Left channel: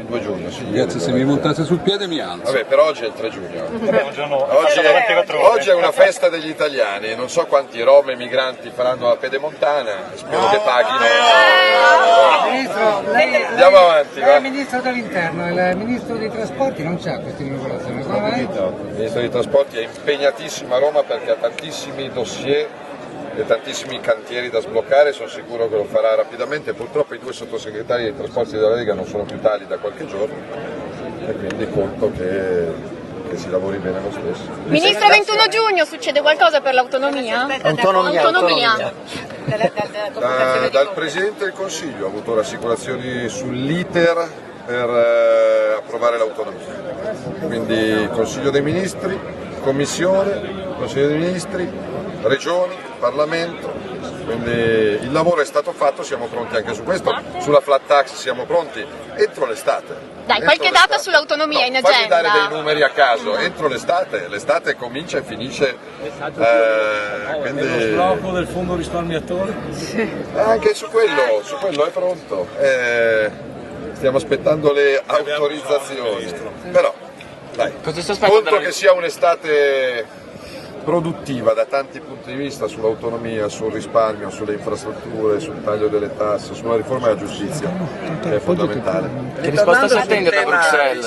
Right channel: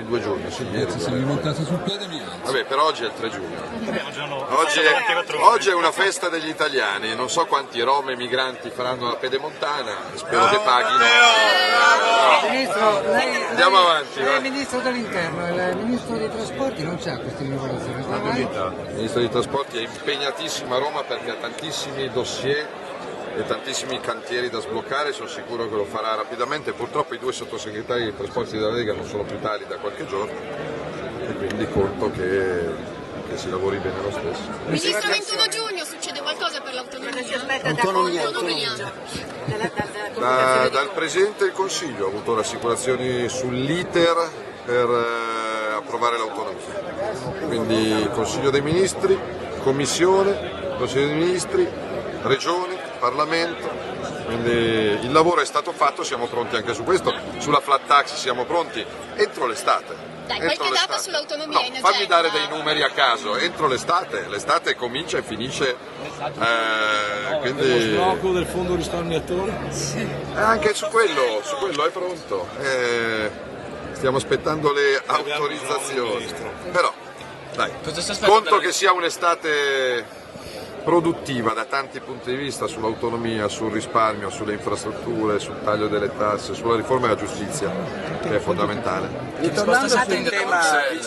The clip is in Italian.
sul 2 giugno, sì, ieri. Se mi montate sul piede mi alzo. Vabbè, però oggi è il 3 giugno. Oggi Oggi è una festa degli italiani, non so quanti rom e migranti faranno la pedemontana, spero che paghino. Ministro, Andiamo avanti, lei è va. il Ministro dell'Interno, il Ministro dei Trasporti non c'ha questa inaugurazione, come mai? Il Ministro dei Trasporti è impegnatissimo a Roma perché ha tantissimi dossier e tantissimi cantieri da sbloccare, sono sicuro che lo farà rapidamente. Purtroppo i 2 sottosegretari dei trasporti della Lega non sono più tali da qualche giorno e quindi conto che si lavori bene lo stesso. Ministro, 21 giugno succede qualcosa per l'autonomia? Autonomia. Dal Presidente del Consiglio ho avuto rassicurazioni sull'iter per approvare l'autonomia, quindi Consiglio dei Ministri, Commissione, Consiglio dei Ministri, Regioni, Parlamento, quindi il lavoro è stato fatto, siamo pronti anche su questo, sulla flat tax siamo pronti entro l'estate. Dai, qualche data sull'autonomia in agenda? Fammi dare dei numeri a caso, entro l'estate comincia e finisce, quindi lo sblocco del fondo risparmiatore? anche su quello è pronto, stiamo aspettando le autorizzazioni, però dai, conto che sia un'estate produttiva da tanti punti di vista sull'autonomia, sul risparmio, sulle infrastrutture, sul taglio delle tasse, sulla riforma della giustizia, che è fondamentale. Che risposta si attende da Bruxelles?